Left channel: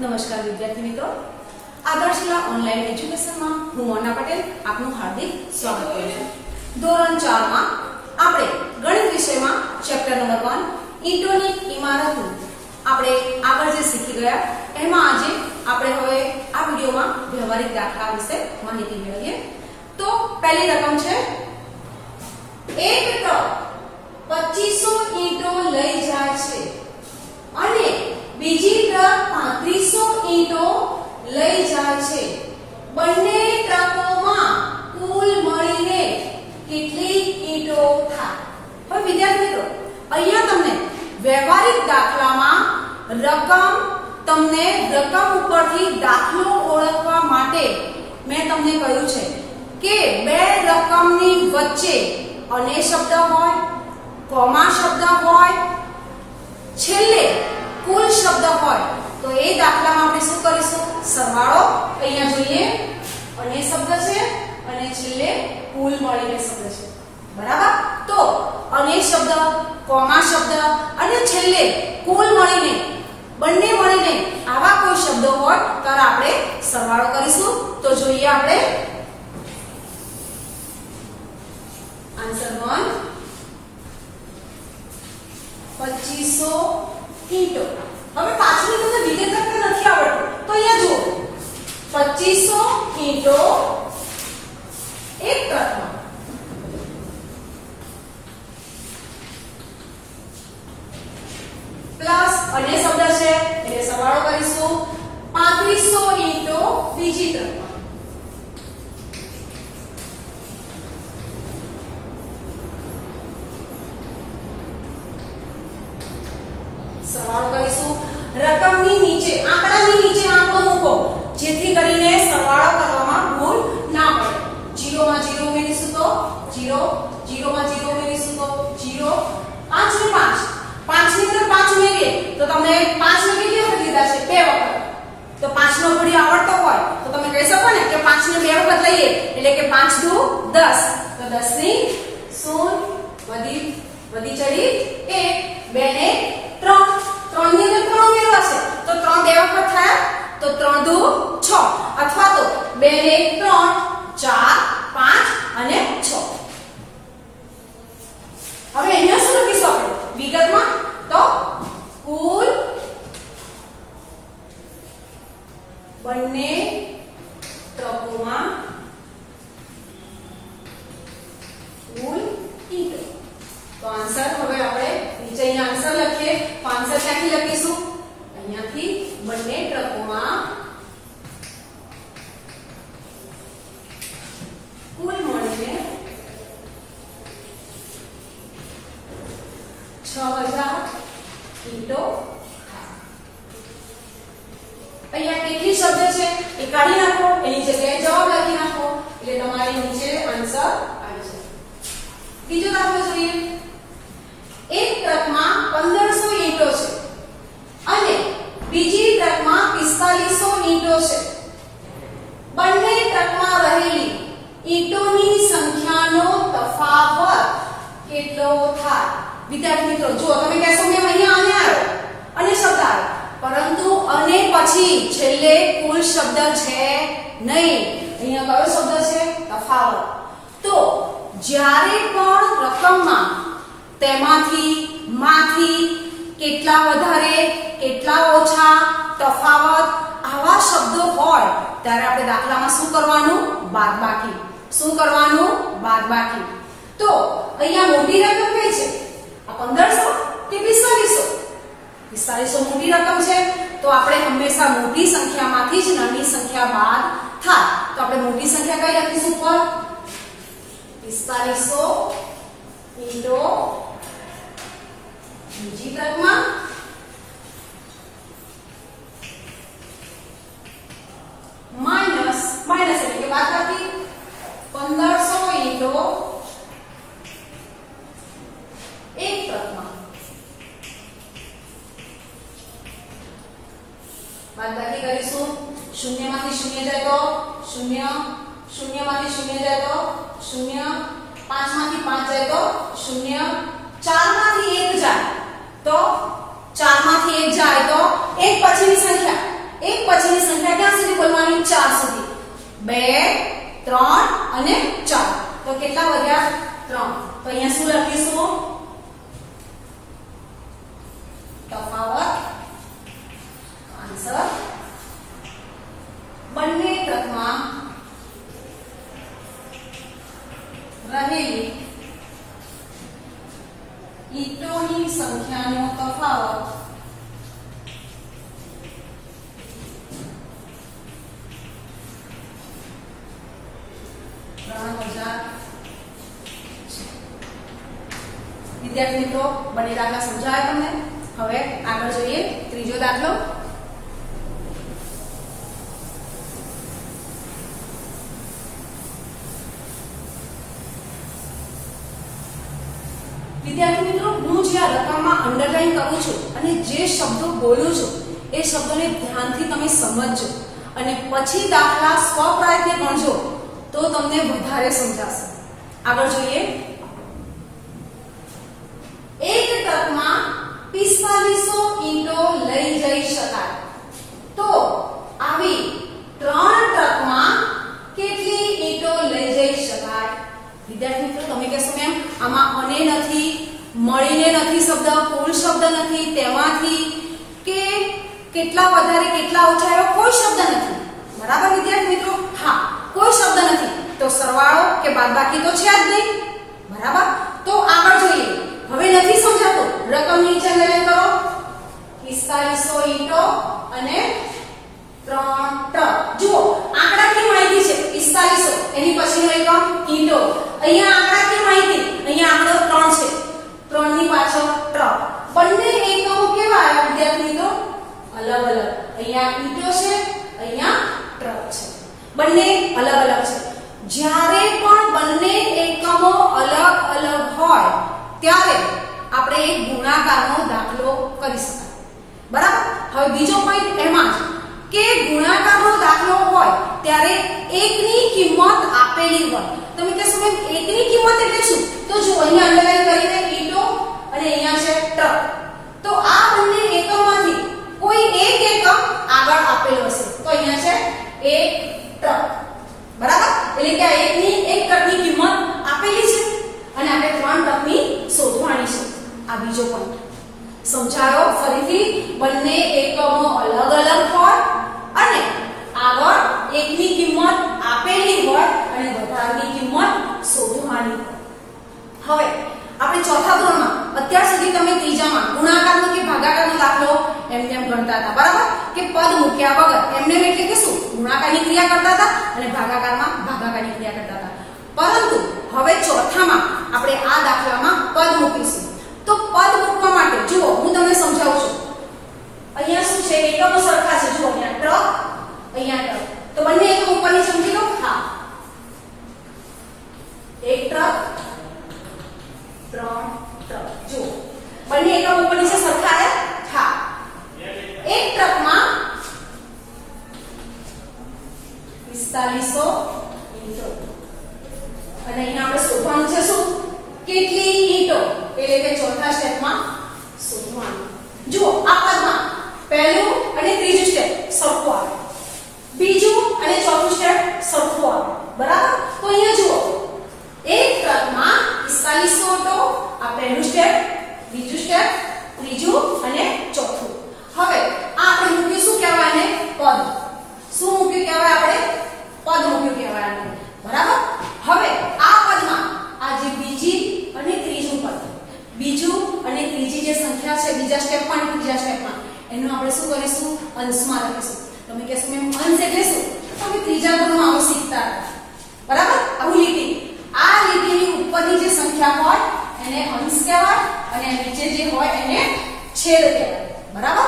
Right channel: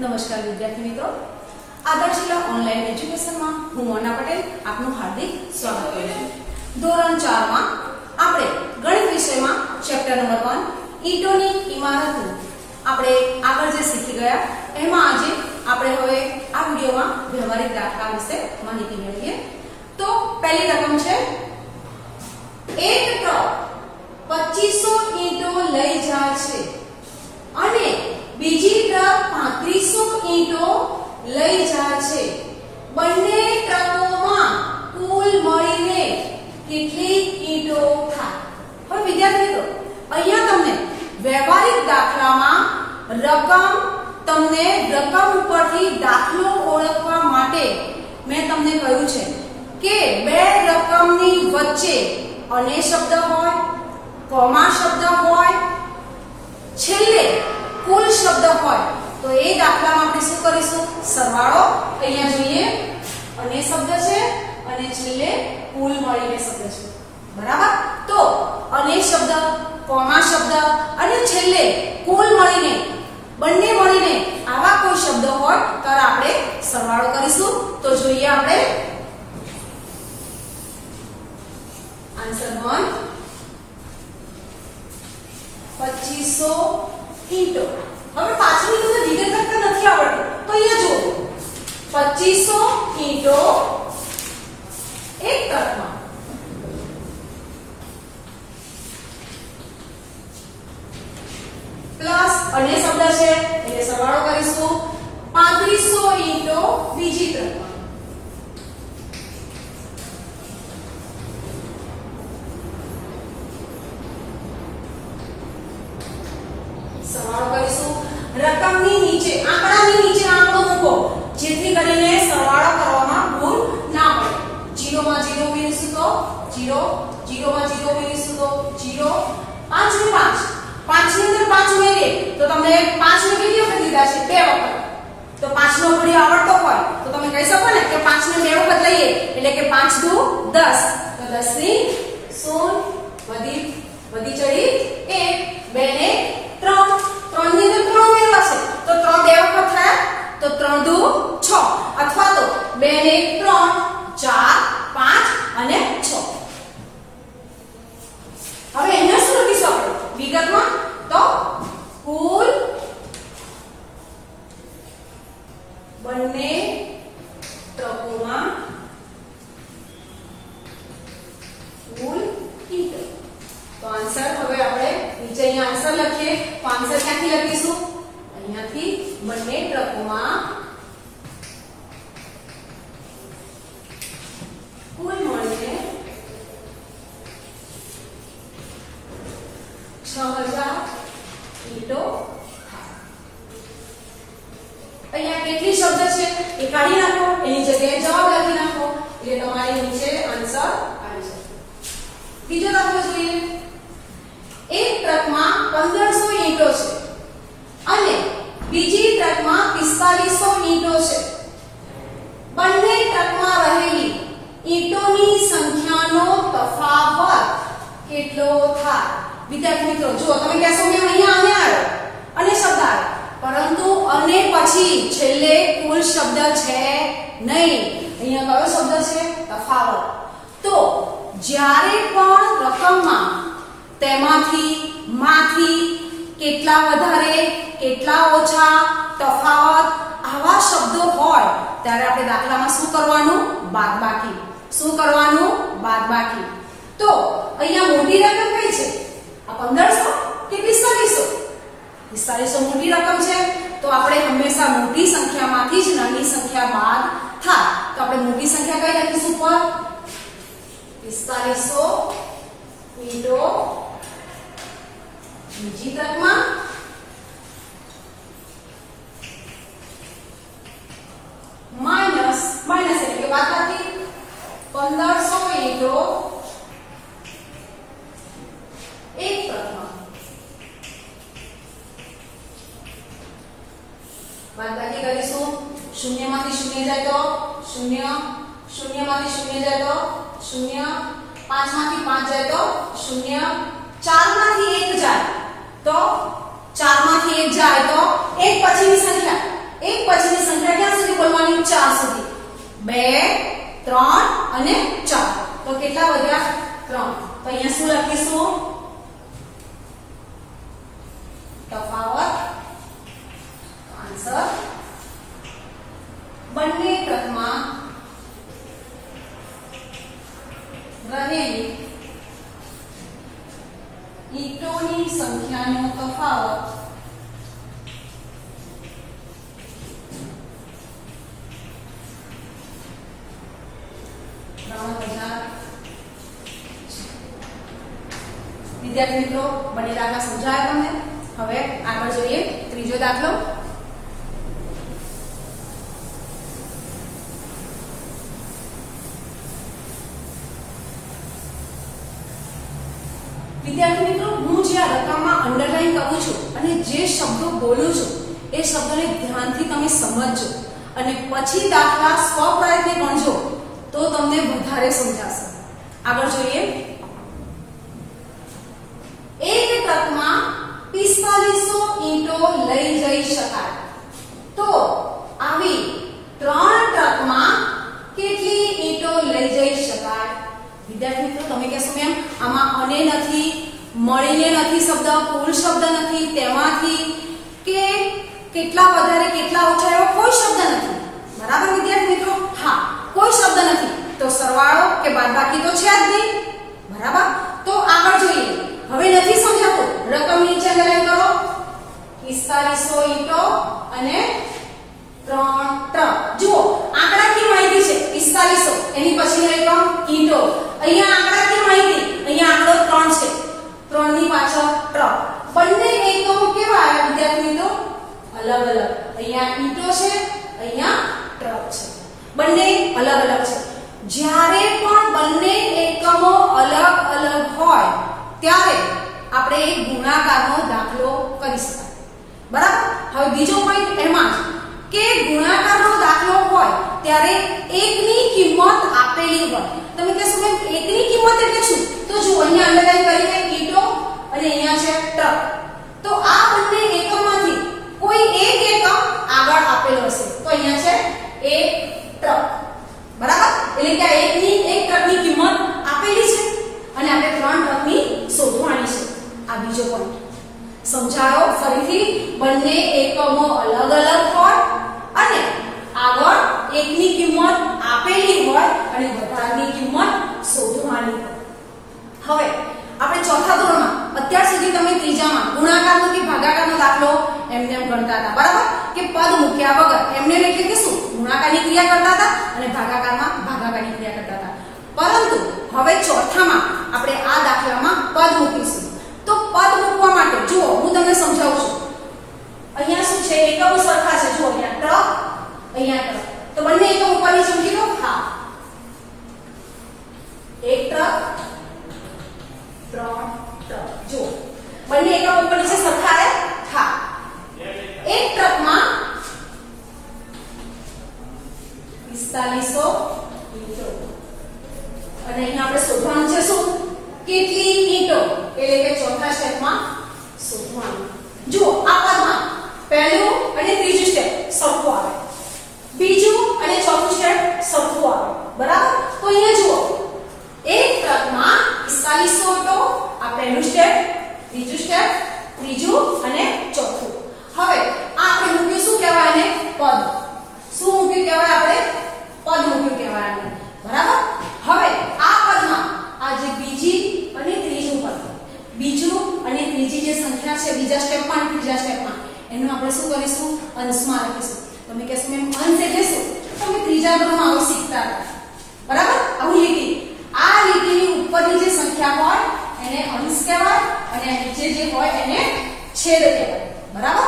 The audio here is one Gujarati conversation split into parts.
નમસ્કાર વિદ્યાર્થી મિત્રો, આદર્શ જિલ્લા ઓનલાઈન એજ્યુકેશનમાં હું મોના પટેલ આપનું હાર્દિક સ્વાગત કરું છું. ધોરણ 4 માં આપણે ગણિત વિષયમાં ચેપ્ટર નંબર 1 ઈંટોની ઇમારતનું આપણે આગળ જે શીખી ગયા એમાં આજે આપણે હવે આ વિડિયોમાં વ્યવહારિક દાખલા વિશે માહિતી મેળવીએ. તો પહેલી રકમ છે એક ટ્રક 2500 ઈંટો લઈ જાય છે અને બીજી ટ્રક 3500 ઈંટો લઈ જાય છે. બંને ટ્રકોમાં કુલ મળીને કેટલી ઈંટો થાય? હવે વિદ્યાર્થી મિત્રો, અહીંયા તમને વ્યવહારિક દાખલામાં તમને રકમ ઉપરથી દાખલો ઓળખવા માટે મેં તમને કહ્યું છે કે બે રકમની વચ્ચે અને શબ્દ હોય, કોમા શબ્દ હોય, છેલ્લે કુલ શબ્દ હોય તો એ દાખલામાં આપણે શું કરીશું? સરવાળો. અહીંયા જોઈએ અને શબ્દ છે અને છેલ્લે કુલ મળીને શબ્દ છે, બરાબર? તો અને શબ્દ, કોમા શબ્દ અને છેલ્લે કુલ મળીને બંને મળીને આવા કોઈ શબ્દો હોય તો આપણે સરવાળો કરીશું. તો જોઈએ આપણે આન્સર 1 2500 ઈંટો. હવે પાછળની તમને વિગત નથી આવડતું તો અહીંયા જુઓ 2500 ઈંટો એક ટ્રકમાં પ્લસ અને શબ્દ છે એટલે સરવાળો કરીશું 3500 ઈંટો બીજી ટ્રકમાં. સરવાળો કરીશું. રકમની નીચે, આંકડાની નીચે આંકડો મૂકો જેથી કરીને સરવાળો કરવામાં ભૂલ ના પડે. 0 માં 0 ઉમેરીશું તો 0, 0 માં 0 ઉમેરીશું તો 0, 5 ને 5, 5 ની અંદર 5 ઉમેરીએ તો તમને 5 ને કેટલી વખત લીધા છે? 2 વખત. તો 5 નો ઘડિયો આવડતો હોય તો તમે કહી શકો ને કે 5 ને 2 વખત લઈએ એટલે કે 5 દુ 10. તો 10 ની 0 વધી ચડી 1, 2 ને 3, 3 ની અંદર 3 ઉમેરવા છે તો 3 બે વખત થયા તો 3 દુ 6 અથવા તો 2 ને 3, 4, 5 અને 6. હવે અહીંયા શું લખીશું આપણે વિગતમાં? તો કુલ બંને ટ્રકોમાં કુલ ઈંટો. તો આન્સર હવે આપણે નીચે અહીંયા આન્સર લખીએ તો આન્સર ક્યાંથી લખીશું? અહીંયાથી બંને ટ્રકોમાં કુલ મળીને 6000 ઈંટો. અહીંયા કેટલી શબ્દ છે એ કાઢી નાખો, એની જગ્યાએ જવાબ લખી નાખો એટલે તમારી નીચે આન્સર આવી જશે. બીજો દાખલો જોઈએ. એક ટ્રકમાં 1500 ઈંટો છે અને બીજી ટ્રકમાં 4500 ઈંટો છે. બંને ટ્રકમાં રહેલી ઈંટોની સંખ્યાનો તફાવત કેટલો થાય? વિદ્યાર્થી મિત્રો જુઓ, તમે કહેશો મેં અહીંયા આને આવ્યો અને શબ્દ આવ્યો પરંતુ અને પછી છેલ્લે કુલ શબ્દ છે નહીં. અહીંયા કયો શબ્દ છે? તફાવત. તો જ્યારે પણ રકમમાં માંથી કેટલા વધારે કેટલા ઓછા તફાવત આવા શબ્દો હોય ત્યારે આપણે દાખલામાં શું કરવાનું? બાદબાકી. શું કરવાનું? બાદબાકી. તો અહીંયા મોટી રકમ કઈ છે? આ 1500 કે 4500? 4500 મોટી રકમ છે તો આપણે હંમેશા મોટી સંખ્યામાંથી જ નાની સંખ્યા બાદ થાય. તો આપણે મોટી સંખ્યા કઈ લખીશું ઉપર? 4500 ઈંટો બીજી ટ્રકમાં માઇનસ એટલે કે બાદબાકી 1500 ઈંટો એક ટ્રકમાં. બાદબાકી કરીશું. 0 માંથી 0 જાય તો 0, 0 માંથી 0 જાય તો 0, 5 માંથી 5 જાય તો 0, 4 માંથી 1 જાય તો 4 માંથી 1 જાય તો 1 પછીની સંખ્યા 1 પછીની સંખ્યા ક્યાં સુધી બોલવાની? 4 સુધી. 2 3 અને 4. તો કેટલા વધ્યા? 3. તો અહીંયા શું લખીશું? તફાવત આન્સર બંને ટ્રકમાં રહેલી ઈંટોની સંખ્યાનો તફાવત 3000. વિદ્યાર્થી મિત્રો, બંને દાખલા સમજાયા તમને? હવે આગળ જોઈએ ત્રીજો દાખલો. વિદ્યાર્થી મિત્રો, હું જે આ રકમમાં અંડરલાઈન કરું છું અને જે શબ્દો બોલું છું એ શબ્દોને ધ્યાનથી તમે સમજજો અને પછી દાખલા સ્વપ્રયત્ને ગણજો તો તમને વધારે સમજાશે. આગળ જોઈએ. એક ટ્રકમાં 4500 ઈંટો લઈ જઈ શકાય તો આવી 3 ટ્રકમાં કેટલી ઈંટો લઈ જઈ શકાય? વિદ્યાર્થી મિત્રો, તમે કહેશો મેમ આમાં અને નથી, મળીને નથી શબ્દ, કુલ શબ્દ નથી, તેમાંથી કે કેટલા વધારે કેટલા ઓછા એવો કોઈ શબ્દ નથી. બરાબર વિદ્યાર્થી મિત્રો? હા, કોઈ શબ્દ નથી તો સરવાળો કે બાદબાકી તો છે જ નહીં. બરાબર? તો આગળ જોઈએ. હવે નથી સમજાતો, રકમ નીચે અંડરલાઈન કરો. 4500 ઈંટો અને 3 ટ્રક. જુઓ, આંકડાકીય માહિતી છે 4500, એની પછીની રકમ ઈંટો. અહીંયા આંકડાકીય માહિતી, અહીંયા આંકડો 3 છે, 3 ની પાછળ ટ્રક. બંને એકમો કેવા આવ્યા વિદ્યાર્થી મિત્રો? અલગ અલગ. અહીંયા ઈંટો છે, અહીંયા ટ્રક છે. બંને અલગ અલગ છે. જ્યારે પણ બંને એકમો અલગ અલગ હોય ત્યારે આપણે એક ગુણાકારનો દાખલો કરી શકાય. બરાબર? હવે બીજો પોઈન્ટ એમાં જ કે ગુણાકારનો દાખલો હોય ત્યારે એકની કિંમત આપેલી હોય. તમે કહેશો કે એકની કિંમત એટલે શું? તો જો અહીંયા અંડરલાઈન કરીને ઈંટો અને અહીંયા છે ટ્રક. તો આ બંને એકમમાંથી કોઈ એક એકમ આગળ આપેલો હશે. તો અહીંયા છે એક ટ્રક. બરાબર? એટલે કે આ એક ટ્રકની કિંમત આપેલી છે અને આપણે 3 ટ્રકની શોધવાની છે. આ બીજો પોઈન્ટ સમજાયો? ફરીથી, બંને એકમો અલગ અલગ હોય અને આગળ એકની કિંમત આપેલી હોય અને વધારાની કિંમત શોધવાની હોય. હવે આપણે ચોથા ધોરણમાં, અત્યાર સુધી તમે ત્રીજામાં ગુણાકારનો કે ભાગાકારનો દાખલો એમ તેમ ગણતા હતા. બરાબર? કે પદ મૂક્યા વગર એમને એટલે કે શું ગુણાકારની ક્રિયા કરતા હતા અને ભાગાકારમાં ભાગાકારની ક્રિયા કરતા હતા. પરંતુ હવે ચોથામાં આપણે આ દાખલામાં પદ મૂકીશું. તો પદ મૂકવા માટે જુઓ, હું તમને સમજાવું છું. અહીંયા શું છે? એકમો સરખા છે. જુઓ, અહીંયા ટ્રક, અહીંયા ટ્રક. તો બંને એકમ ઉપરની ચમકી દો. હા, એક ટ્રક, 3 ટ્રક. જુઓ, બંને એકમ ઉપરની છે સરખા છે. હા, એક ટ્રકમાં 4500 ઈંટો અને અહીંયા આપણે શોધવાનું છે શું? કેટલી ઈંટો? એટલે કે ચોથા સ્ટેપમાં શોધવાનું. જુઓ, આ પદમાં પહેલું અને ત્રીજું સ્ટેપ સરખું આવે, બીજું અને ચોથું સ્ટેપ સરખું આવે. બરાબર? તો અહીંયા જુઓ, એક ટ્રકમાં 4500 તો આ પહેલું સ્ટેપ, બીજું સ્ટેપ, ત્રીજું અને ચોથું. હવે આ આપણે મૂક્યું શું કહેવાય? આને પદ. શું મૂક્યું કહેવાય? આપણે પદ મૂક્યું કહેવાય આને. બરાબર? હવે આ પદમાં આ જે બીજી અને ત્રીજું પદ, બીજું અને ત્રીજી જે સંખ્યા છે બીજા સ્ટેપમાં અને ત્રીજા સ્ટેપમાં, એનું આપણે શું કરીશું? અંશમાં લખીશું. તમે કહેશો મેમ અંશ એટલે શું? તમે ત્રીજા ધોરણમાં આવું શીખતા હતા. બરાબર? આવું લીટી, આ લીટીની ઉપરની જે સંખ્યા હોય એને અંશ કહેવાય અને નીચે જે હોય એને છેદ કહેવાય. બરાબર?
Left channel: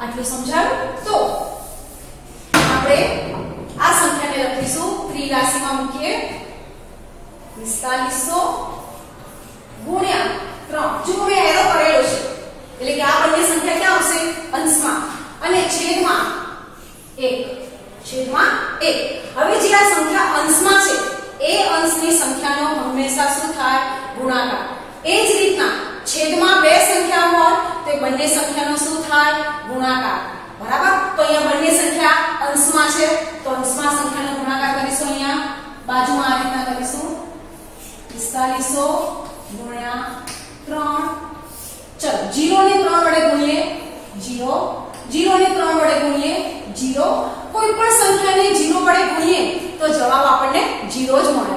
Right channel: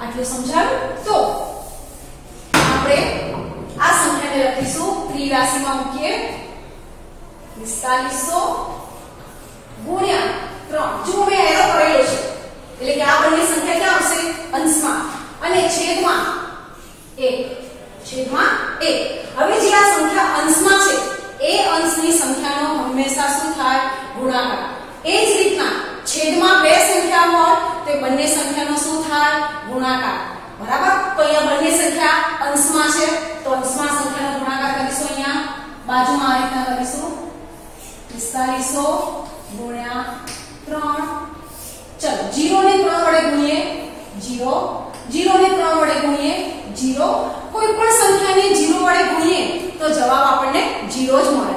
આટલું સમજાયું? તો આપણે આ સંખ્યાને લખીશું ત્રિરાશીમાં મૂકીએ. 4500 ગુણ્યા 3. જો મેં એરો કરેલો છે એટલે કે આ બંને સંખ્યા ક્યાં આવશે? અંશમાં અને છેદમાં 1. છેદમાં 1. હવે જે આ સંખ્યા અંશમાં છે એ અંશની સંખ્યાનો હંમેશા શું થાય? ગુણાકાર. એ જ રીતના છેદમાં બે સંખ્યા હોય તો બંને સંખ્યાનો શું થાય? ગુણાકાર. બરાબર. તો અહીંયા બંને સંખ્યા અંશમાં છે તો અંશમાં સંખ્યાનો ગુણાકાર કરીશું. અહીંયા બાજુમાં આ રીતના કરીશું 4500 ગુણ્યા 3. ચલો 0 ને 3 વડે ગુણીએ 0, 0 ને 3 વડે ગુણીએ 0. કોઈ પણ સંખ્યાને 0 વડે ગુણીએ તો જવાબ આપણને 0 જ મળે.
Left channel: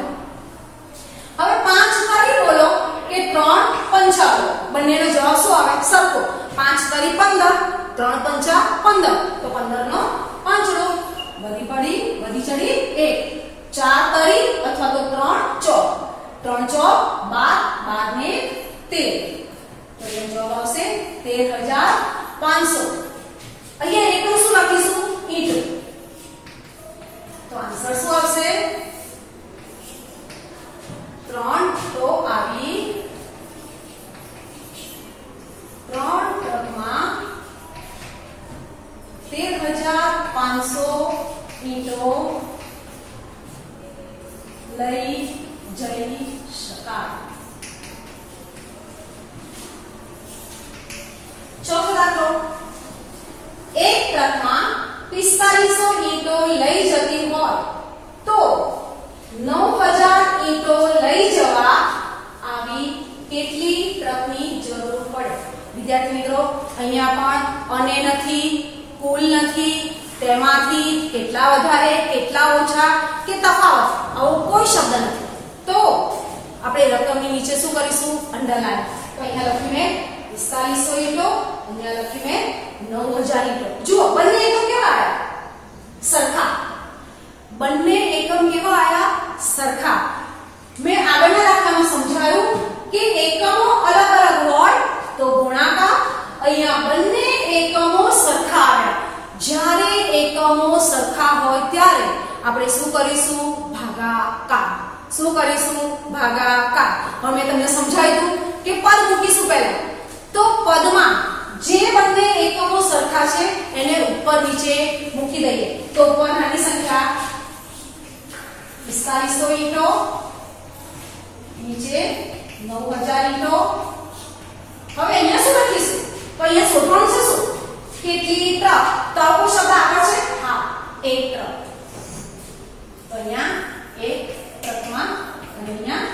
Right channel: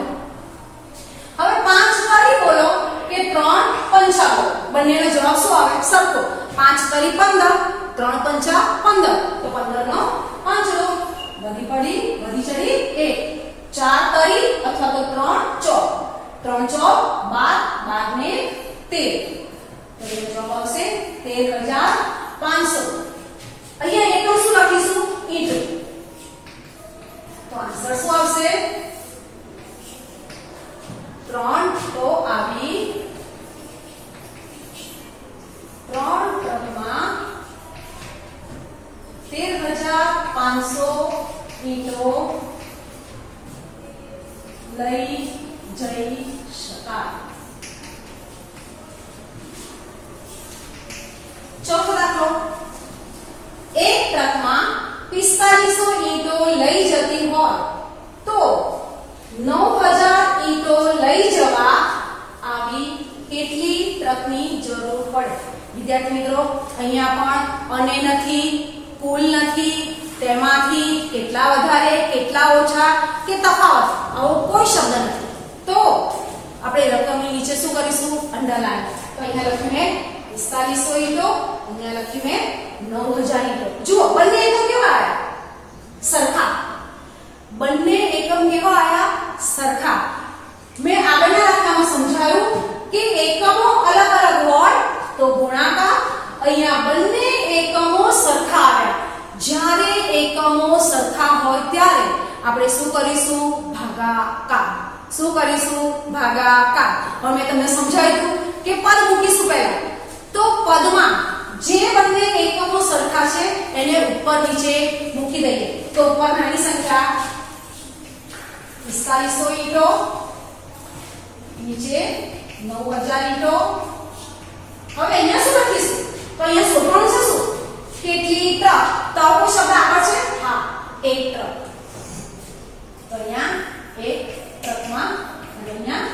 હવે 5 ફરી બોલો કે 3 પંચા બોલો. બંનેનો જવાબ શું આવે? સરખો. 5 તરી 15, 3 પંચા 15 તો 15 નો પાંચડો. વધી ચડી 1. 4 તરી અથવા તો 3 ચોક. 3 ચોક 12, 12 ને 13 તો એનો જવાબ આવશે 13500. અહીંયા એકમ શું લખીશું? ઈંટો. તો આન્સર શું આવશે? 3 તો આવી 3 ટ્રકમાં 13500 ઈંટો લઈ જઈ શકાય. ચોથો દાખલો. એક ટ્રકમાં 4500 ઈંટો લઈ જતી હોય તો 9000 ઈંટો લઈ જવા આવી કેટલી ટ્રકની જરૂર પડે? વિદ્યાર્થી મિત્રો, અહીંયા પણ અને નથી, કુલ નથી, તેમાંથી કેટલા વધારે, કેટલા ઓછા કે તફાવત આવો કોઈ શબ્દ નથી. તો આપણે રકમની નીચે શું કરીશું? અંડરલાઈન. તો અહીંયા લખ્યું મેં 4500 ઈંટો, અહીંયા લખ્યું મેં 9000 ઈંટો. જુઓ બંને એકમ કેવા આવ્યા? સરખા. બંને એકમ કેવા આવ્યા? સરખા. મેં આગળના દાખલામાં સમજાવ્યું કે એકમો અલગ અલગ હોય તો ગુણાકાર. અહીંયા બંને એકમો સરખા આવ્યા. જ્યારે એકમો સરખા હોય ત્યારે આપણે શું કરીશું? ભાગાકાર. શું કરીશું? ભાગાકાર. હવે મેં તમને સમજાવ્યું કે પદ મૂકીશું પહેલા. તો પદમાં જે બંને એકમો સરખા છે એને ઉપર નીચે મૂકી દઈએ. તો ઉપર નાની સંખ્યા 4500 ઈંટો, નીચે 9000 ઈંટો. હવે અહીંયા શું લખીશું? તો અહીંયા શોધવાનું છે શું? કેટલી ટ્રક. ટ્રકો શબ્દ આગળ છે? હા, એક ટ્રક. તો અહીંયા એક ટ્રકમાં અને અહીંયા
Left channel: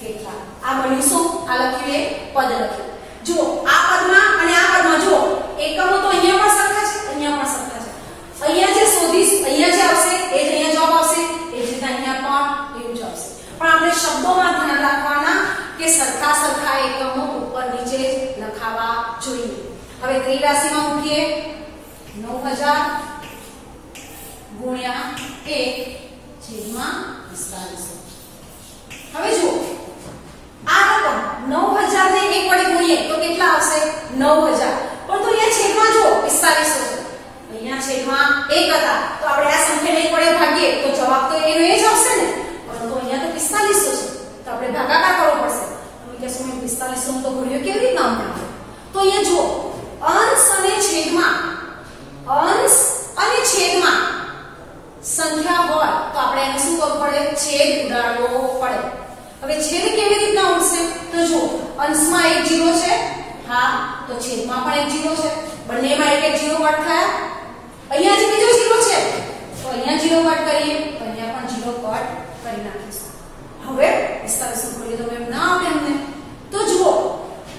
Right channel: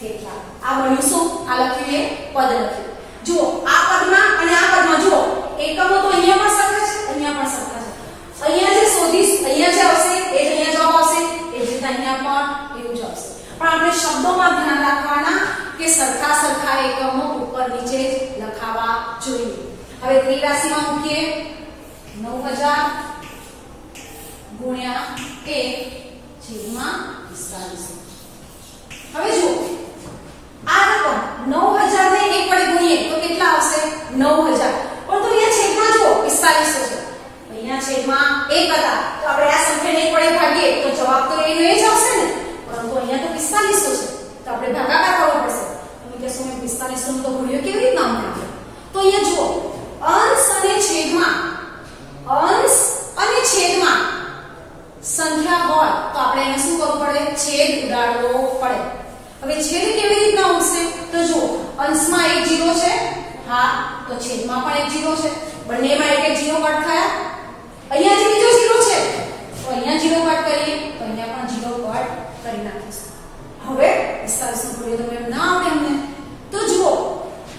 કેટલા. આ બન્યું શું? આ લખ્યું એ પદ લખ્યું. જુઓ આ પદમાં અને આ પદમાં જુઓ એકમો તો અહીંયા પણ સરખા છે, અહીંયા પણ સરખા છે. અહીંયા જે શોધીશ અહીંયા જે આવશે એ જ અહીંયા જવાબ આવશે, એ જ રીતે અહીંયા પણ એવું જ આવશે. પણ આપણે શબ્દોમાં ધ્યાન રાખવાના કે સરખા સરખા એકમો ઉપર નીચે લખાવા જોઈએ. હવે ત્રિરાશીમાં મૂકીએ 9000 ગુણ્યા 1/4500. હવે જુઓ આ રકમ 9000 ને 1 વડે ગુણીએ તો કેટલા આવશે? 9000. પણ તો અહીંયા છેદમાં જુઓ 4500 છે, અહીંયા છેદમાં 1 હતા તો આપણે આ સંખ્યાને 1 વડે ભાગીએ તો જવાબ તો એનો એ જ આવશે ને. પરંતુ અહીંયા તો 4500 છે તો આપણે ભાગાકાર કરવો પડશે. તમે કહેશો મેં 4500 નો તો ઘડિયો કેવી રીતના મળે? તો અહીંયા જુઓ અંશ અને છેદમાં સંખ્યા હોય તો આપણે એને શું કરવું પડે? છેદ ઉડાડવો પડે. હવે છેદ કેવી રીતના ઉડશે? તો જુઓ અંશમાં 1 0 છે, હા, તો છેદમાં પણ 1 0 છે. બંનેમાં 1 1 0 કટ થયા. અહીંયા જે બીજો 0 છે તો અહીંયા 0 કટ કરીએ તો અહીંયા પણ 0 કટ કરી નાખીશું. હવે 4500 ઘડિયો તો એમ ના આવે અમને. તો જુઓ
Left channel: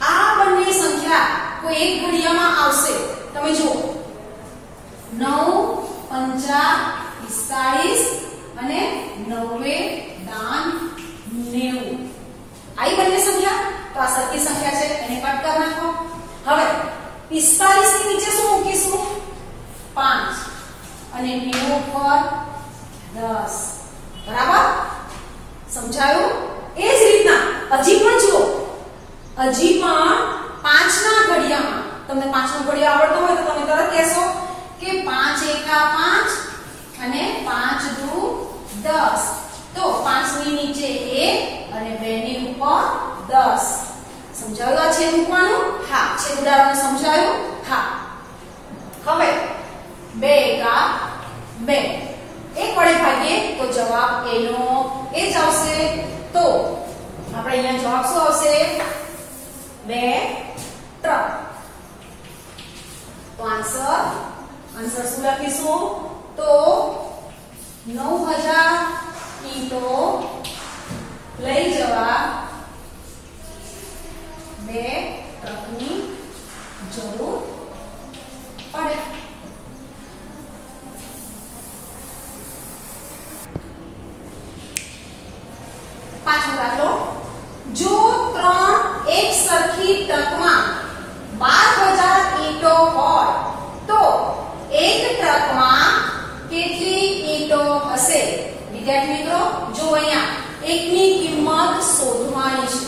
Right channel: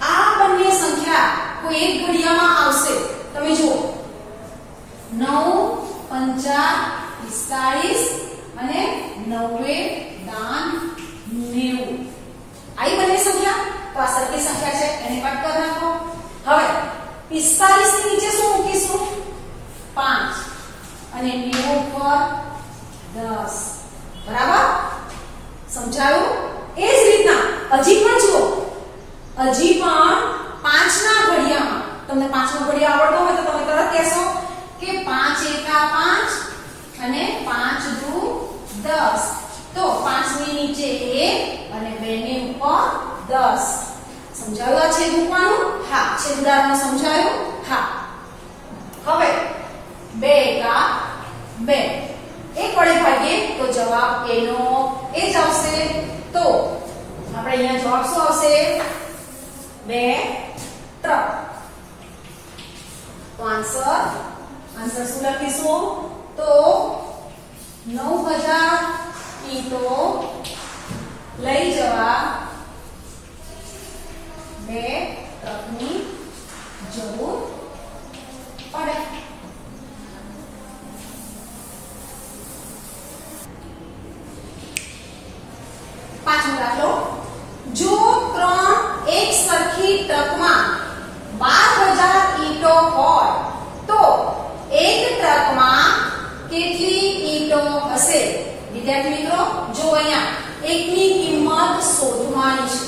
આ બંને સંખ્યા કોઈ એક ઘડિયામાં આવશે. તમે જુઓ 9 પંચા 45 અને 9 દાન 90. આઈ બંને સંખ્યા તો આ સરખી સંખ્યા છે એને કટ કરી નાખો. હવે 45 ની નીચે શું મૂકીશું? 5 અને 90 ઉપર 10. બરાબર સમજાયું? એ જ રીતના હજી પણ જુઓ, હજી પણ 5 ના ઘડિયામાં તમને 5 નો ઘડિયો આવડતો હોય તો તમે તરત કહેશો કે 5 એકા 5 અને 5 દુ 10. તો 5 ની નીચે 1 અને 2 ની ઉપર 10. સમજાયું આ છેદ મૂકવાનું? હા. છેદ ઉડાડવાનું સમજાયું? હા. હવે 2 એકા 2 1 વડે ભાગીએ તો જવાબ એનો એ જ આવશે. તો આપણે અહીંયા જવાબ શું આવશે? 2 ટ્રક. તો આન્સર આન્સર શું લખીશું? તો 9000 ઈંટો લઈ જવા 2 ટ્રકની જરૂર પડે. પાછો દાખલો. જો 3 એક સરખી ટ્રકમાં 12000 ઈંટો હોય તો એક ટ્રકમાં કેટલી ઈંટો હશે? વિદ્યાર્થી મિત્રો, જો અહીંયા એકની કિંમત શોધવાની છે.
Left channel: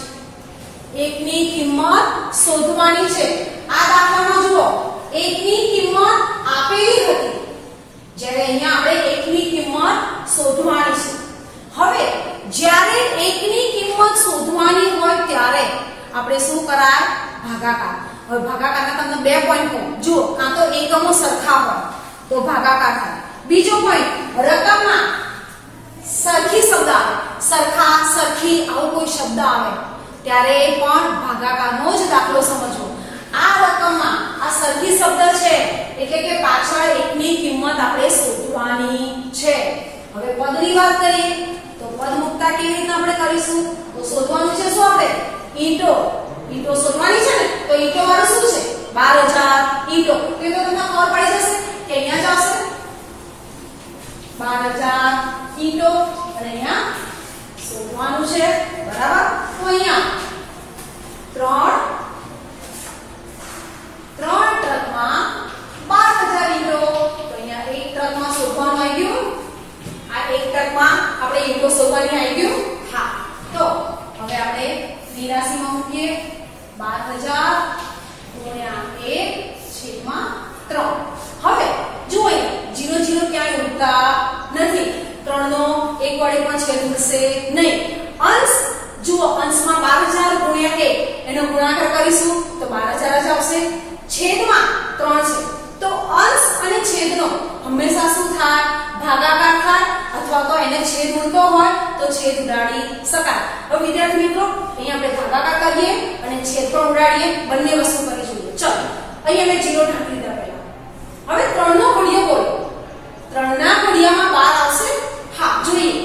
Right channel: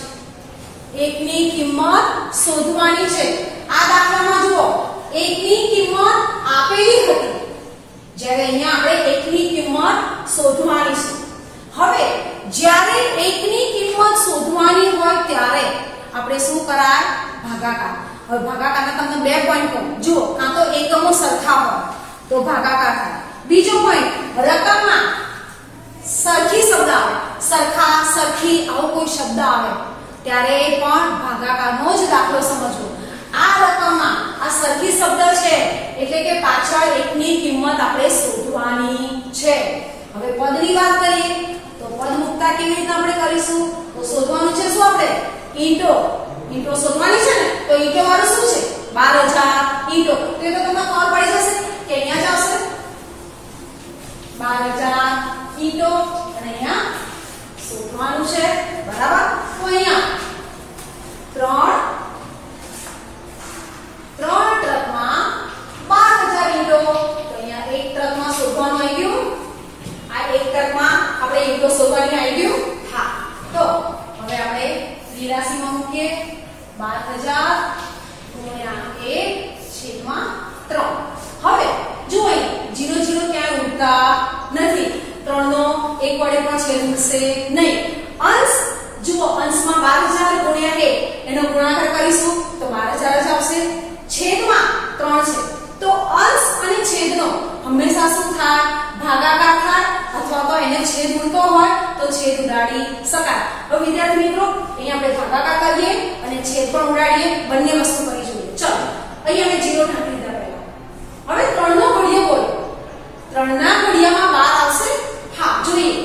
એકની કિંમત શોધવાની છે. આ દાખલામાં જુઓ, એકની કિંમત આપેલી હતી, જ્યારે અહીંયા આપણે એકની કિંમત શોધવાની છે. હવે જ્યારે એકની કિંમત શોધવાની હોય ત્યારે આપણે શું કરાય? ભાગાકાર. હવે ભાગાકારના તમને 2 પોઈન્ટ કહું. જુઓ, કાં તો એકમો સરખા હોય તો ભાગાકાર થાય. બીજો પોઈન્ટ, રકમમાં સરખી શબ્દ આવે, સરખા, સરખી આવો કોઈ શબ્દ આવે ત્યારે પણ ભાગાકારનો જ દાખલો સમજવો. આ રકમમાં આ સરખી શબ્દ છે એટલે કે પાછળ એકની કિંમત આપણે શોધવાની છે. હવે પદની વાત કરીએ તો પદ મુક્તા કેવી રીતે આપણે કરીશું? તો શોધવાનું છે શું? આપણે ઈંટો. ઈંટો શોધવાની છે ને, તો ઈંટો વાળું શું છે? 12000 ઈંટો. તો એ તો તમને ખબર પડી જશે કે અહીંયા જ આવશે 12000 ઈંટો અને અહીંયા શોધવાનું છે, બરાબર? તો અહીંયા 3 ટ્રકમાં 12000 ઈંટો. તો અહીંયા એક ટ્રકમાં શોધવાનું આવી ગયું. આ એક ટ્રકમાં આપણે ઈંટો શોધવાની આવી ગયું. હા, તો હવે આપણે 82 માં મૂકીએ. 12000 ગુણ્યા 1/3. હવે જુઓ, 0 0 ક્યાંય ઉડતા નથી. 3 નો 1 વડે પણ છેદ ઉડશે નહીં. અંશ જુઓ, અંશમાં 12000 ગુણ્યા 1 એનો ગુણાકાર કરીશું તો 12000 જ આવશે. છેદમાં 3 છે તો અંશ અને છેદનો હંમેશા શું થાય? ભાગાકાર થાય, અથવા તો એને છેદ ઉડતો હોય તો છેદ ઉડાડી શકાય. હવે વિદ્યાર્થી મિત્રો, અહીંયા આપણે ભાગાકાર કરીએ અને છેદ પણ ઉડાડીએ, બંને વસ્તુ કરી જોઈએ. ચલો, અહીંયા મેં 0 ઢાંકી દીધા પહેલા. હવે 3 નો ઘડિયો બોલો. 3 ના ઘડિયામાં 12 આવશે? હા, જોઈએ.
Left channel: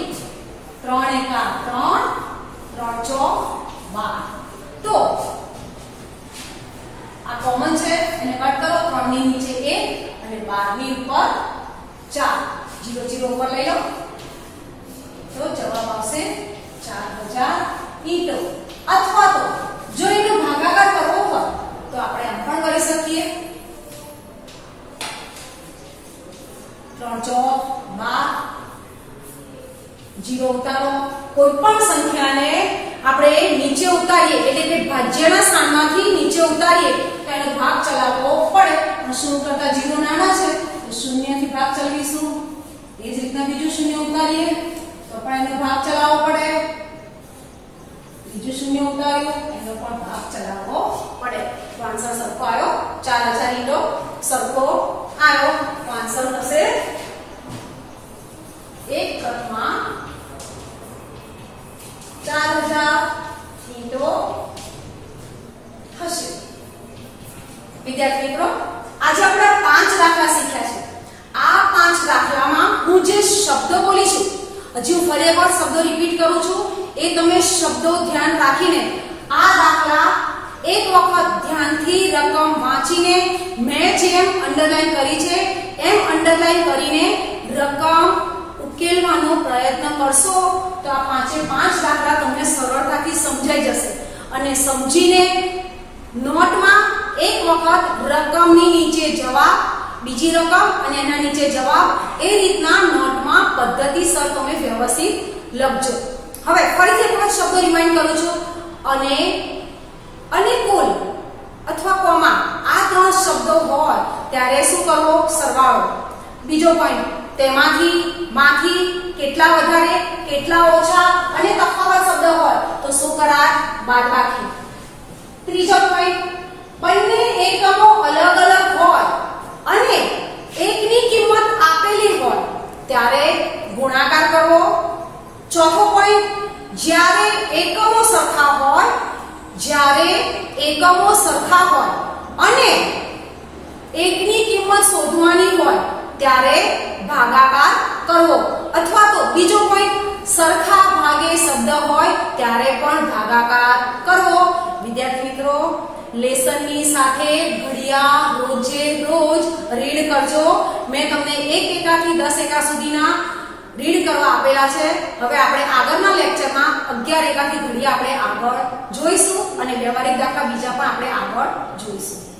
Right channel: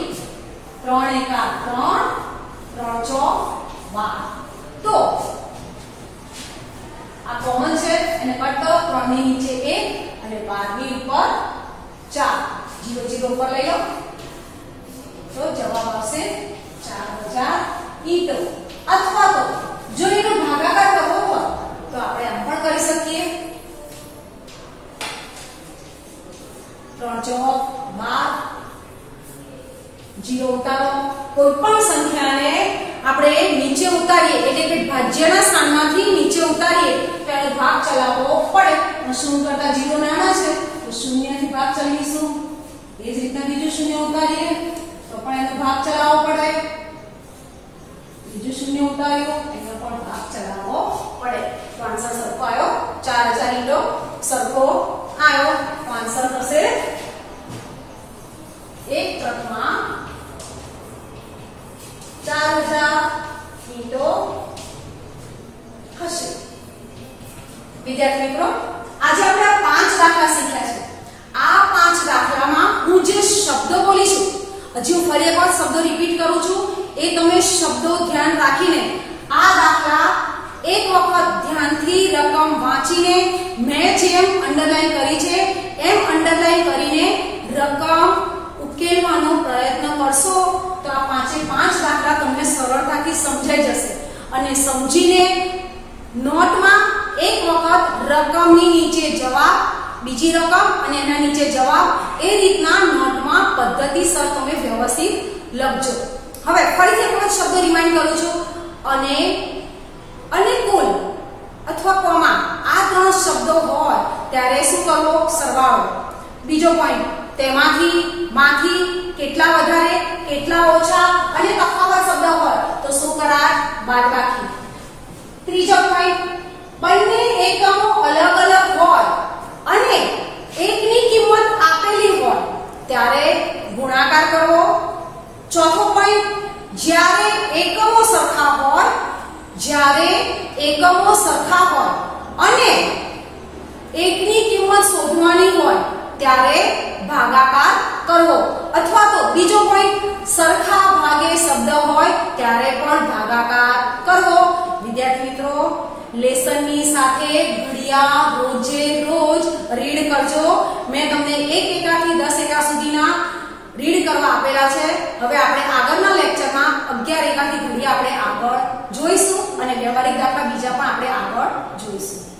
3 એકા 3, 3 ચોક 12. તો આ કોમન છે, એને કટ કરો. 3 ની નીચે 1 અને 12 ની ઉપર 4. 0 0 ઉપર લઈ લો તો જવાબ આવશે 4000 ઈંટો. અથવા તો જો એનો ભાગાકાર કરવો હોય તો આપણે આમ પણ કરી શકીએ. 3 ચોક 12. 0 ઉતારો. કોઈ પણ સંખ્યાને આપણે નીચે ઉતારીએ એટલે કે ભાજ્યના સ્થાનમાંથી નીચે ઉતારીએ તો એનો ભાગ ચલાવવો પડે. પણ શું કરતા 0 નાના છે તો 0 થી ભાગ ચલાવીશું. એ જ રીતના બીજું 0 ઉતારીએ તો પણ એનો ભાગ ચલાવવો પડે. બીજું 0 ઉતાર્યો એનો પણ ભાગ ચલાવવો પડે. તો આન્સર સરખો આવ્યો. 4000 ઈંટો સરખો આવ્યો. તો આન્સર થશે એક ટ્રકમાં 4000 ઈંટો હશે. વિદ્યાર્થી મિત્રો, આજે આપણે 5 દાખલા શીખ્યા છે. આ 5 દાખલામાં હું જે શબ્દો બોલી છું, હજી હું ફરી એકવાર શબ્દો રિપીટ કરું છું, એ તમે શબ્દો ધ્યાન રાખીને આ દાખલા એક વખત ધ્યાનથી રકમ વાંચીને મેં જેમ અંડરલાઈન કરી છે એમ અંડરલાઈન કરીને રકમ ઉકેલવાનો પ્રયત્ન કરશો તો આ 5 દાખલા તમને સરળતાથી સમજાઈ જશે. અને સમજીને નોટમાં એક વખત રકમની નીચે જવાબ, બીજી રકમ અને એના નીચે જવાબ, એ રીતના નોટમાં પદ્ધતિસર તમે વ્યવસ્થિત લખજો. હવે ફરીથી એક વખત શબ્દો રિમાઇન્ડ કરું છું. અને કુલ અથવા કોમા આ 3 શબ્દો હોય ત્યારે શું કરવો? સરવાળો. બીજો પોઈન્ટ, તેમાંથી માંથી કેટલા વધારે કેટલા ઓછા અને તફાવત શબ્દ હોય તો શું કરાય? બાદબાકી. ત્રીજો પોઈન્ટ, બંને એકમો અલગ અલગ હોય અને એકની કિંમત આપેલી હોય ત્યારે ગુણાકાર કરવો. ચોથો પોઈન્ટ, જ્યારે એકમો સરખા હોય અને એકની કિંમત શોધવાની હોય ત્યારે ભાગાકાર કરવો, અથવા તો બીજો પોઈન્ટ સરખા ભાગે શબ્દ હોય ત્યારે પણ ભાગાકાર કરવો. વિદ્યાર્થી મિત્રો, લેસનની સાથે ઘડિયા રોજે રોજ રીડ કરજો. મેં તમને 1 એકાથી 10 એકા સુધીના રીડ કરવા આપેલા છે. હવે આપણે આગળના લેક્ચરમાં 11 એકાથી ઘડિયા આપણે આગળ જોઈશું અને વ્યવહારિક દાખલા બીજા પણ આપણે આગળ જોઈશું.